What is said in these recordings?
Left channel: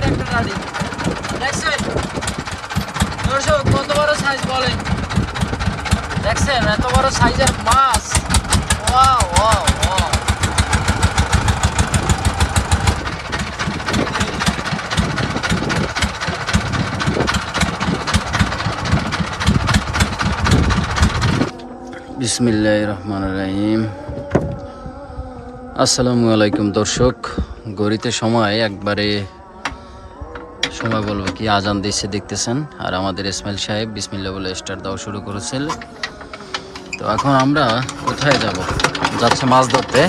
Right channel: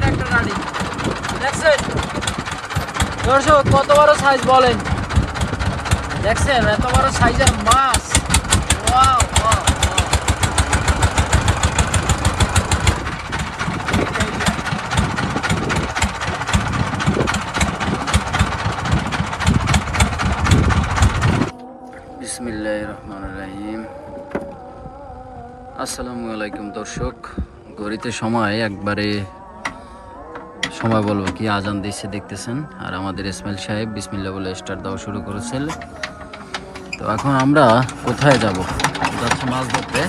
সাইজের একটা রাডি দেখছেন দর্শক, কত বড় সাইজ বলেন। দেখছেন এত বড় সাইজের মাছ। Wow wow wow. বিসমিল্লাহির রহমানির রহিম। আসসালামু আলাইকুম দর্শক, ঘড়িতে সময় একবারে সময় বলবো কি আজান দিচ্ছে দেখতেছেন, আর আমাদের ইসমাইল সাহেব বিসমিল্লাহ বলে স্টার্ট দেওয়া শুরু করেছিল। তো এখন আমরা কোথায় যাব? যাচ্ছে মাছ ধরতে।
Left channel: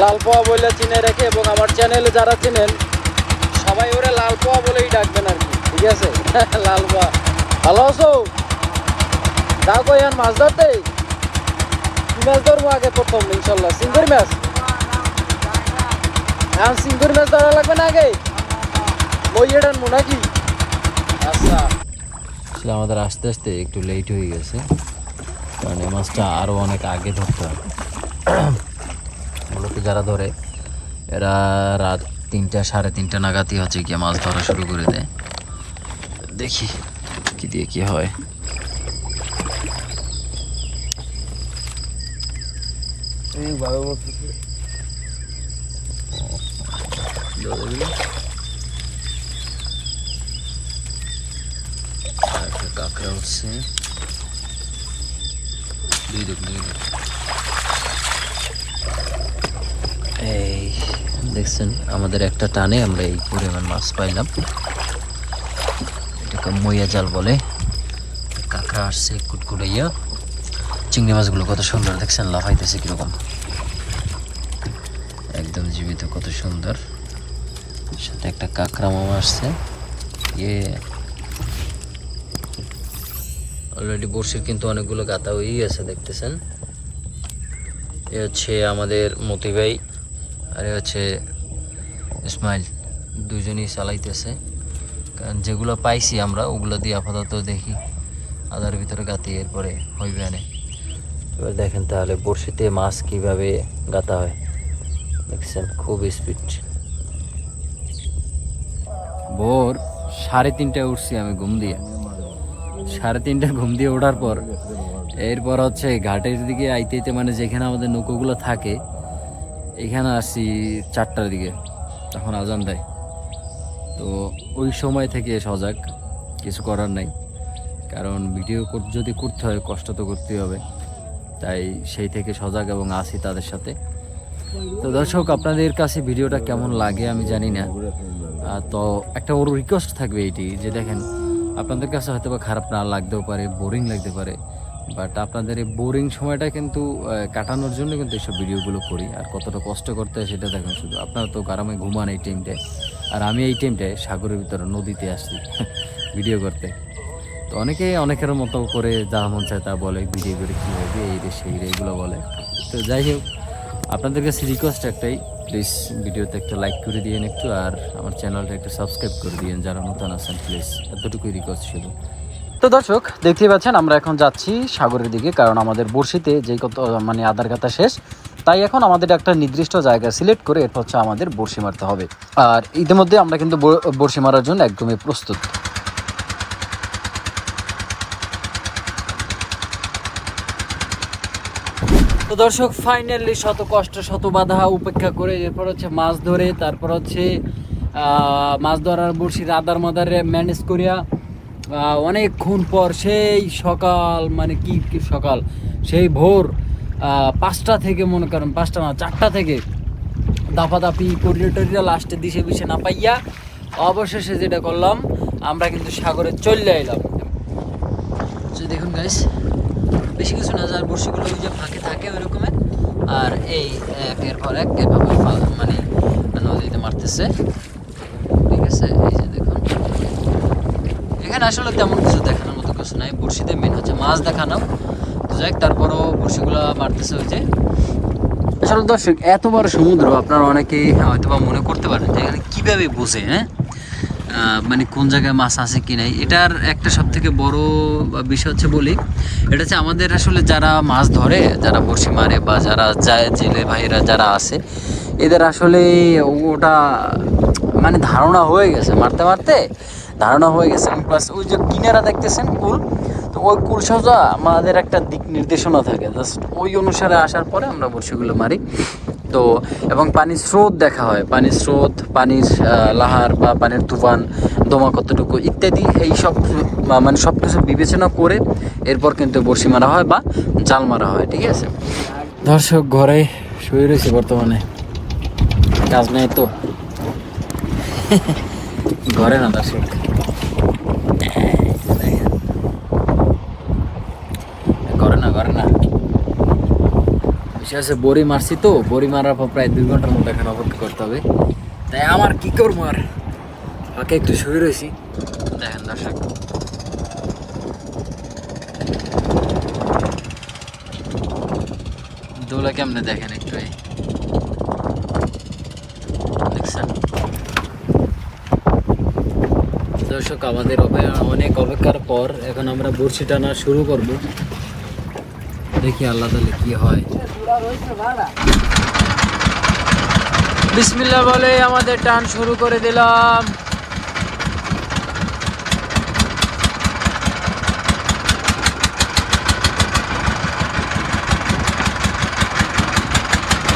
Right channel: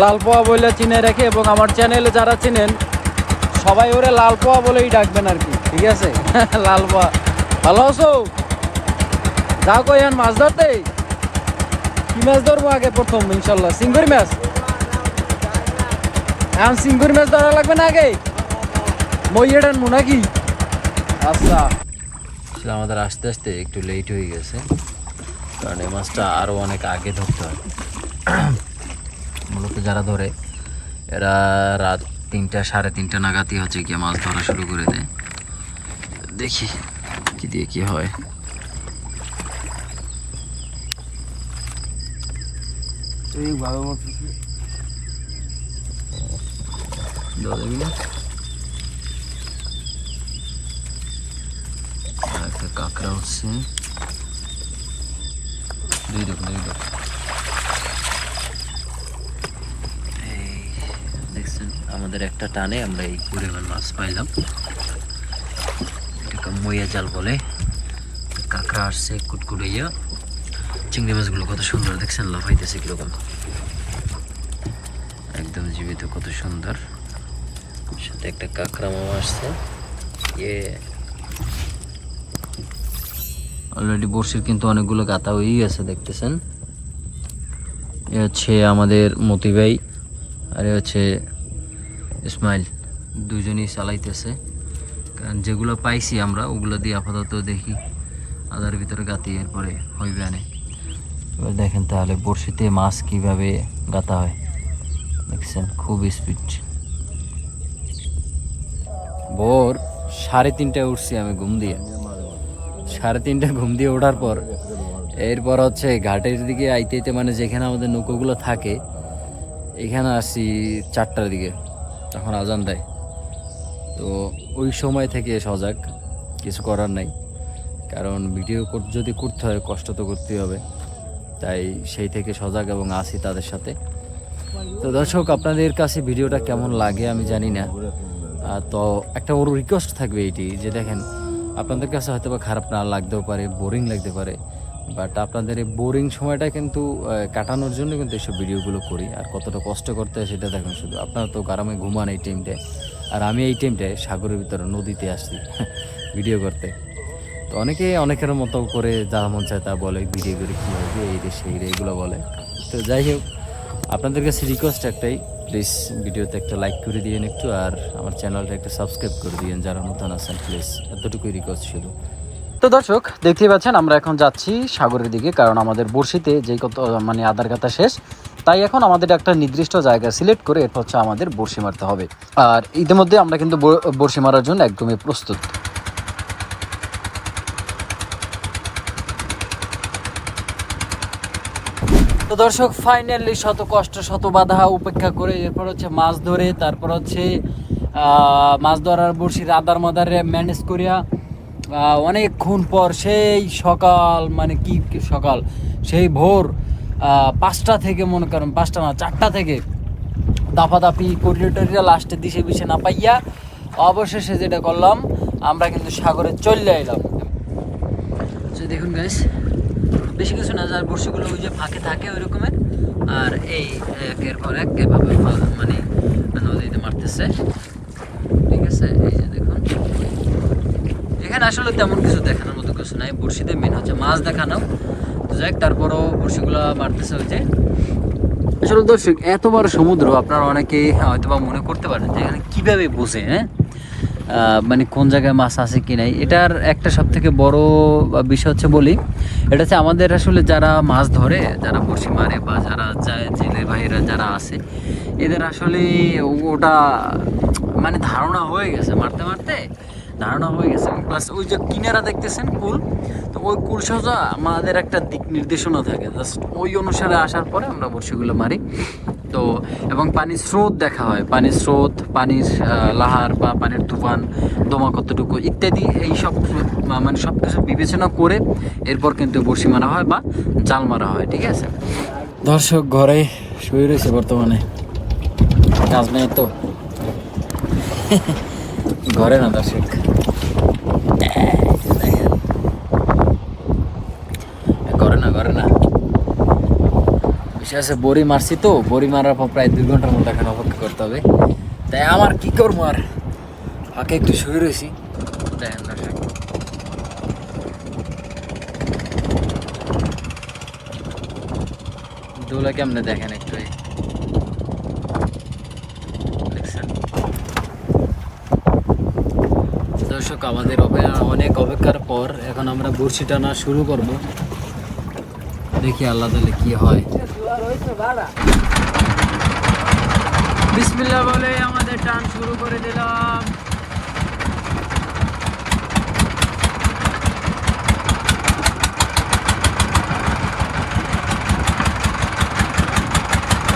লালপোয়া বলে চিনে রেখে, এবং আমার চ্যানেল যারা চিনেন সবাই ওরে লালপোয়া বলেই ডাকবেন। আমি ঠিক আছে লালপোয়া। ভালো আছো? কাল কই মাছ ধরতে? মাছ ধরবো আগে প্রথম ইনশাল্লাহ। সিঙ্গুর মাছ সিঙ্গুর মাছ ধরা লাগবে না আগে? মইয়ের আনবো নাকি? আচ্ছা, আমাদের আস্তে আস্তে একটু লেট হয়ে গেছে, কারণ এই মাছটা আরও অনেক আগে ধরতে হবে। মূলত যারা ধরে এরা রাত 3টা সাড়ে 3টা নাগাদই হচ্ছে গিয়ে মাছ ধরা শুরু করে দেয়। দেখি কি দিয়ে কি হয়। কাঁকড়া উঠছে, এই দেখছেন আমাদের একটা টানে আমরা এই পরিমাণ মাছ পাইলাম। এটাকে মইয়া জাল বলে। কাঁকড়া আসছে কুটকুটাইয়া। চিংড়ি মাছগুলো কত সুন্দর দেখছেন, লাফাইতেছে কিরকম, একদম জীবিত, কত সুন্দর। সাথে একটা কাঁকড়া মামা আসছে। অলরেডি বড়শির কিন্তু অনেকগুলো গাঁথা হয়েই গেছে দেখতেছেন। এ হচ্ছে আমাদের মতি ভাই, আর হচ্ছে ইসমাইল, দুজনই চালাইতেছে। কারণ যেগুলো পাইছি আমরা ওগুলো দিয়ে আপাতত দেখি আদার ভিতরে গাঁথি, এরপরে হইবে আনে। এবার দেখেন তাহলে বড়শিতে মাছ কিভাবে গাঁথা হয়, দেখছেন খুব স্পিড। ভোর 3:30টায় উঠছি আমি ঘুম দিয়ে। 3:30 ঘুম দিয়ে ওঠার পর এরপর হচ্ছে ঘাটের দিকে আইতে আইতে, মানে যেখানে আমাদের নৌকোগুলো থাকে এখানে আসছি 4টার দিকে, তখন আজান দেয়। তো ওই সময় থেকে সজাগ, কিছু করার নাই, কারণ ভিডিও যদি করতে হয় কষ্ট তো করতেই হবে, তাই সেই থেকে সজাগ এবং আসি তাদের সাথে। তো দর্শক, আপনাদের কাছে ভিডিওটা কেমন লাগে আমি জানি না, তো একটা ওর রিকোয়েস্ট থাকবে এইটি যে দেখেন, আপনাদের কাছে হয়তো বা খারাপ না লাগতেও পারে, বোরিং লাগতে পারে, বাট আপনাদের এই বোরিং সময়টা কিন্তু কাটানোর জন্য কিন্তু এইসব ভিডিওগুলো করি। আর কতটা কষ্ট করতে হয় সেটা দেখেন শুধু। আপনারা তো গ্রামে ঘুমান এই টাইমটায়, আর আমি এই টাইমটায় সাগরের ভিতরে নদীতে আসছি ভিডিও করতে। তো অনেকে অনেকের মতো করে যা মন চায় তা বলে, ভিডিও করে কী হবে এই রে সেই রে এগুলো বলে। তো যাই হোক, আপনাদের কাছে রিকোয়েস্ট একটাই, প্লিজ ভিডিওতে একটা লাইক করে দিয়েন একটু, আর আমার চ্যানেলটা একটু সাবস্ক্রাইব করে দিয়েন যারা নতুন আছেন, প্লিজ এতটুকুই রিকোয়েস্ট শুধু। তো দর্শক, দেখতেই পাচ্ছেন আমরা এখন যাচ্ছি সাগরের দিকে, কারণ আমাদের বড়শিতে যে কত মানে আদার গাথা শেষ, তাই এখন আমাদের একটা নির্দিষ্ট জায়গা সিলেক্ট করে এরপর হচ্ছে আমাদের বড়শি মারতে হবে। আর ইতিমধ্যে আমরা কিন্তু বড়শি মারার জন্য একদমই প্রস্তুত। তো দর্শক, ফাইনালি শত কষ্ট শত বাধা উপেক্ষা করে এরপর হচ্ছে মাছ ধরে, তারপর হচ্ছে মাছ ধরার বড়শির আদার মাদারে ম্যানেজ করিয়া অনেকক্ষণ পর সেই সকাল, মানে কি সকাল, সেই ভোর 5টা থেকে, মনে করেন 5টা না 4টা থেকে দাপাদাপি করিয়া টরিয়া লাস্টের দিশে বিষে না পাইয়া অবশেষে যেটা করলাম, আমরা কিন্তু সাগরে চলে এলাম। দেখুন গাইস, বেশি কিছু না, যার বড়শিগুলো ওই যে ফাঁকে থাকে ওই রকমের, আর এই একের পর এক এভাবে মানে নদীতে মারতেছে, ঠিক আছে। এই যে দেখুন, এখানে আসলে তেমন কিছু দেখানোর মতো কিছু নাই, বড়শিতে মেন হচ্ছে মাছ দেখানো। তো যাই হোক, তারপরও বড়শিগুলো মারতেছে। ওই যে আসলে দর্শক, এত বড় সমুদ্র, আপনারা অনেকে হয়তো বা মনে করতে পারেন যে এখানে কীভাবে বোঝে, হ্যাঁ, মানে কোন জায়গায় মাছ আছে কি নাই। এটার একটা সব থেকে বড় বিষয় হচ্ছে বলি, এটা হচ্ছে আমাদের আসলে যারা মাছ ধরে, যারা বড়শি মারে বা যারা যায়, জেলে ভাইরা যারা আছে, এদের আসলে ওটা মানে ধারণা হয়ে গেছে, মারতে মারতে ধারণা হয়ে গেছে। প্লাস ওই যে কিনারা দেখতেছেন কুল, তো ওই কুল সোজা আমাদের একটা দিক নির্দেশনা থাকে, জাস্ট ওই অনুসারে আসার পরে আমরা বড়শিগুলো মারি। তো এবং পানির স্রোত দেখা হয়, পানির স্রোত, পানির লাহার বা পানির তুফান, দমা কতটুকু ইত্যাদি, এই সব মানে সব কিছু বিবেচনা করে এরপর কিন্তু বড়শি মারা হয় বা জাল মারা হয়, ঠিক আছে। দর্শক, ঘরে শুয়ে রয়েছে বর্তমানে, কাজ নেই তো ঘরে না দর্শক, ঘরে না বিষয় আছে, বড়ি মারছি তো, বড়ি মারার পর প্রায় 2 ঘন্টার মতো এখন অপেক্ষা করতে হবে। তাই আমার কি করবো আর, ফাঁকে একটু শুয়ে রয়েছি। দেখেন দর্শক, দোলা কেমনে দেখেন একটু, দেখছেন দর্শক। আমাদের অনেক অপেক্ষার পর এখন আমরা বড়শি টানা শুরু করব, দেখি আল্লাহ তাআলা কি হয়। বিসমিল্লাহ বলে আমাদের টান শুরু করে দিলাম।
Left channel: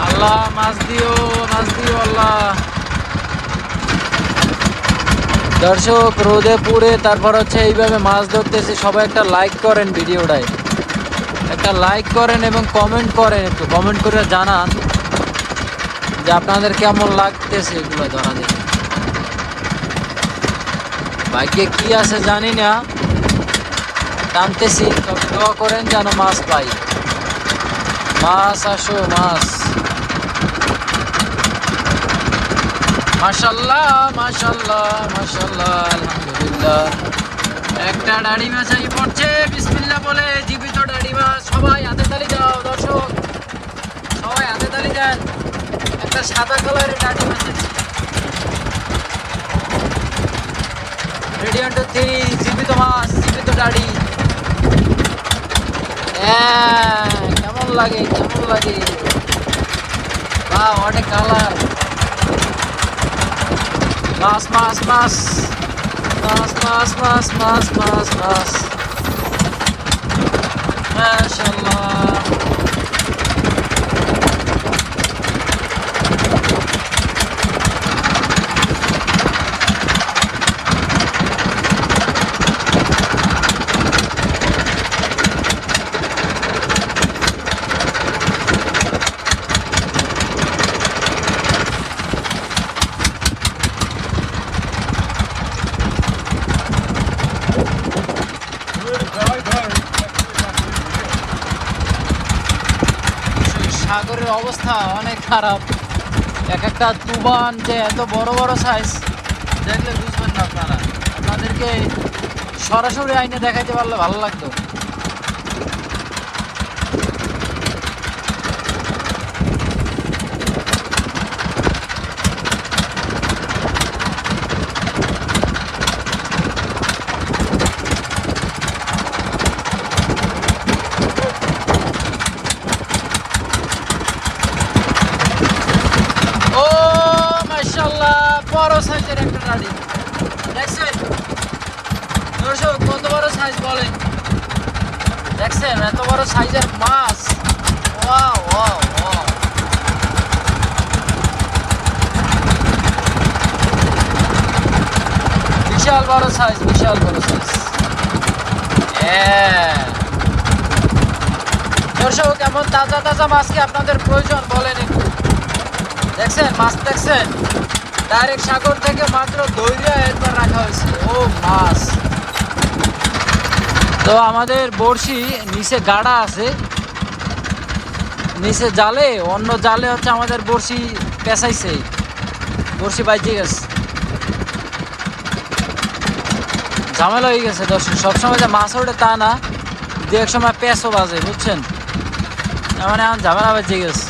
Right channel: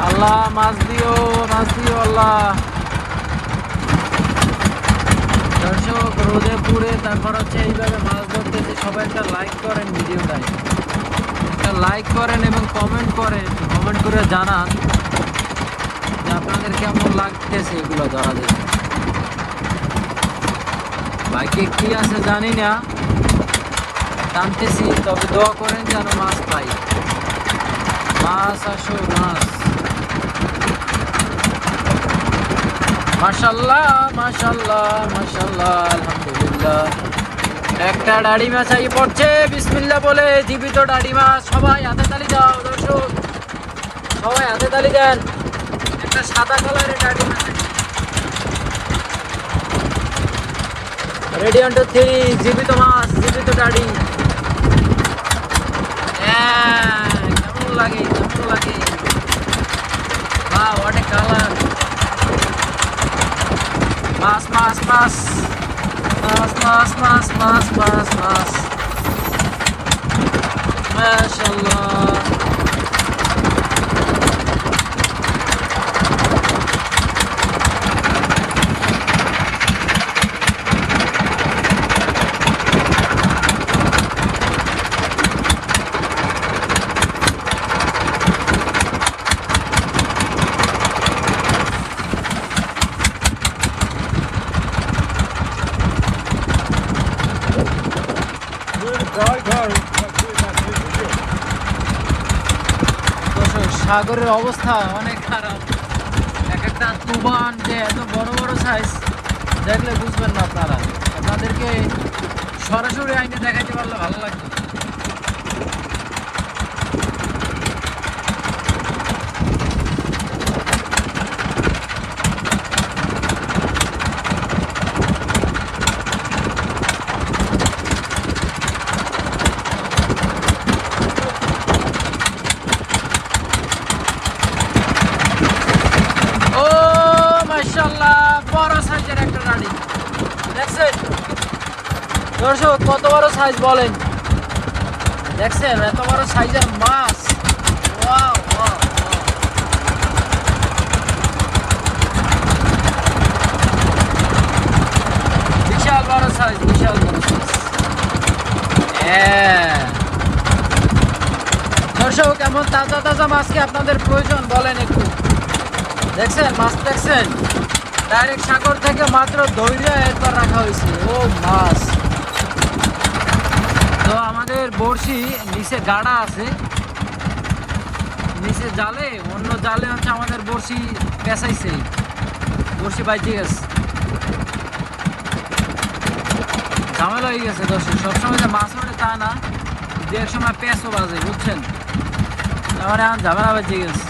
আল্লাহ মাছ দিও, মাছ দিও আল্লাহ। দর্শক, রোদে পুড়ে তারপর হচ্ছে এইভাবে মাছ ধরতেছি। সবাই একটা লাইক করেন ভিডিওটায়, একটা লাইক করেন এবং কমেন্ট করেন, একটু কমেন্ট করে জানান যে আপনাদের কেমন লাগতেছে এগুলো ধরা দেখে। বাইকে কি আছে জানি না, টানতেছি, তবে দোয়া করেন যেন মাছ পাই। মাছ আসো, মাছ। মাশাল্লাহ মাশাল্লাহ মাশাল্লাহ, আলহামদুলিল্লাহ। একটা ডাড়ি মাছ আই পড়ছে, বিসমিল্লাহ বলে, জীবিত ডাড়ি মাছ। সবাই হাতে তালি দাও দর্শক, সবাই হাতে তালি দেন। একটা সাদা কালারের ডাড়ি মাছ আছে, রেডি 1 2 3, জীবিত মাছ, জীবিত ডাড়ি। কেমন লাগে, কেমন লাগে, বাহ, অনেক কালার। মাছ মাছ মাছ মাছ মাছ মাছ মাছ মাছ মাছ, মাশাআল্লাহ। সাগরের অবস্থা অনেক খারাপ, এক একটা তুফান যে এত বড় বড় সাইজ, দেখলে বুঝবেন না আপনারা। আপনাদেরকে সরাসরি আইনে দেখাইতে পারলে ভালো লাগতো। ও মাশাআল্লাহ, বড় সাইজের একটা ডাড়ি দেখছেন দর্শক, কত বড় সাইজ বলেন, দেখছেন এত বড় সাইজের মাছ। ওয়াও ওয়াও ওয়াও, বিশাল বড় সাইজ, বিশাল বড় সাইজ। দর্শক, এমন তাজা তাজা মাছ কি আপনাদের প্রয়োজন বলেন একটু। দেখছেন মাছ, দেখছেন ডাইরেক্ট সাগর থেকে মাত্র ধৈর্য একবার রাখা হয়েছে। ও মাছ, তো আমাদের বড়শি নিচে গাড়া আছে, নিচে জালে, অন্য জালে হচ্ছে আমাদের বড়শি পেঁচাইছে। বড়শি বাইতে গেছে, ঝামেলা হয়ে গেছে দর্শক। সবসময় যে মাছ ওঠে তা না, দু এক সময় পেঁচও বাজে, বুঝছেন? মানে এখন ঝামেলা বাজে গেছে।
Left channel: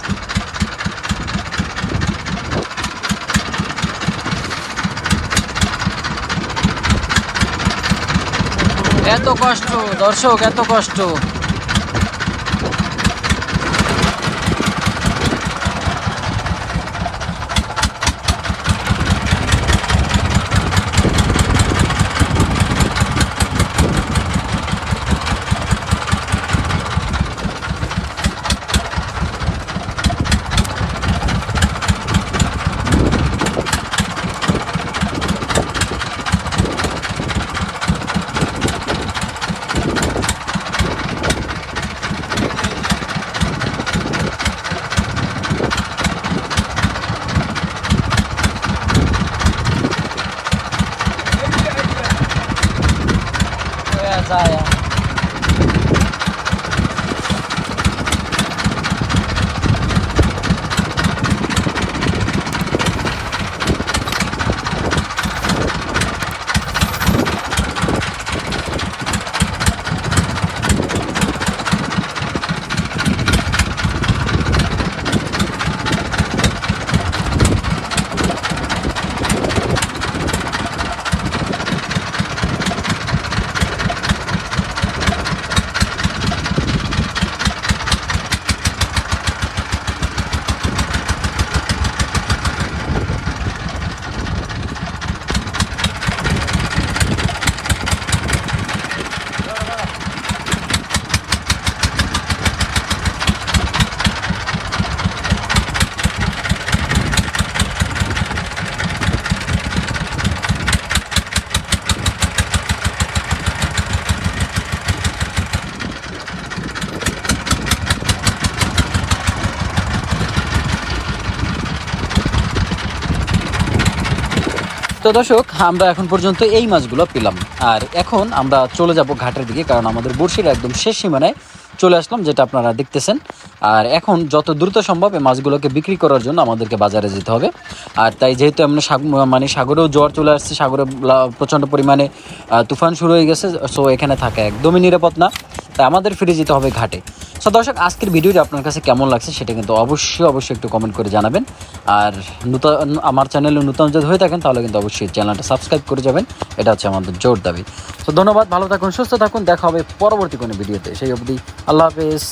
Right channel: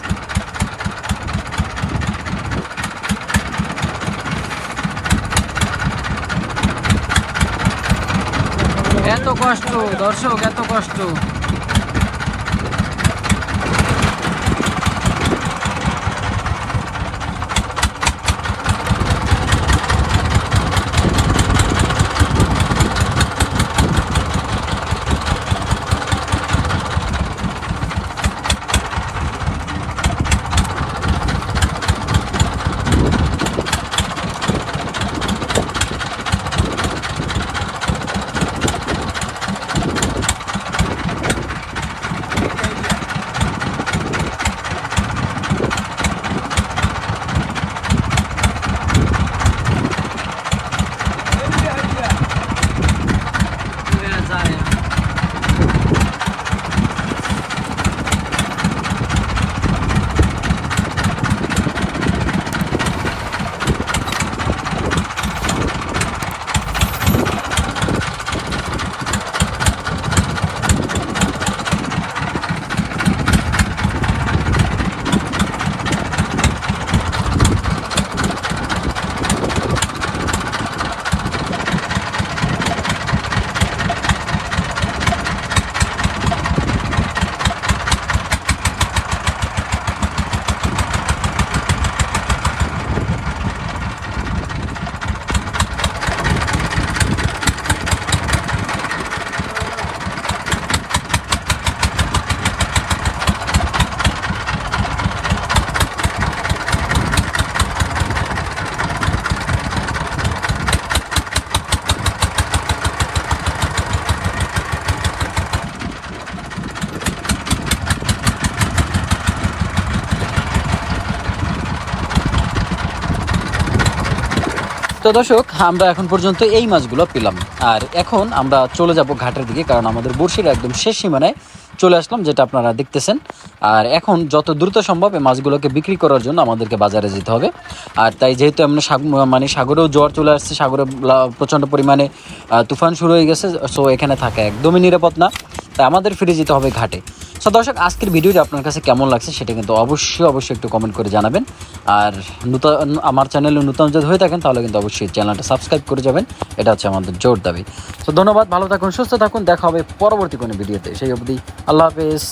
এত কষ্ট দর্শক, এত কষ্ট। যায় তো দর্শক, আমরা এখন পর্যন্ত এই মাছগুলো পেলাম। আর এখন আমরা চলে যাব ঘাটের দিকে, কারণ আমাদের বড়শির একদম শেষ সীমানায় চলে আসলাম, যেটা আপনারা দেখতেছেন। আর এখন যত দ্রুত সম্ভব এই মাছগুলোকে বিক্রি করার জন্য আমাদেরকে বাজারে যেতে হবে। আর তাই যেহেতু আমরা মানে সাগরেও জোয়ার চলে আসছে, সাগরে প্রচণ্ড পরিমাণে তুফান শুরু হয়ে গেছে, সো এখানে থাকা একদমই নিরাপদ না, তাই আমাদের ফিরে যেতে হবে ঘাটে। সো দর্শক, আজকের ভিডিওটি আপনার কাছে কেমন লাগছে সেটা কিন্তু অবশ্যই একটু কমেন্ট করে জানাবেন। আর আমার চ্যানেলে নতুন যদি হয়ে থাকেন তাহলে কিন্তু অবশ্যই চ্যানেলটা সাবস্ক্রাইব করে যাবেন, এটা হচ্ছে আমাদের জোর দাবি। তো ধন্যবাদ, ভালো থাকুন, সুস্থ থাকুন, দেখা হবে পরবর্তী কোনো ভিডিওতে। সেই অবধি আল্লাহ হাফেজ।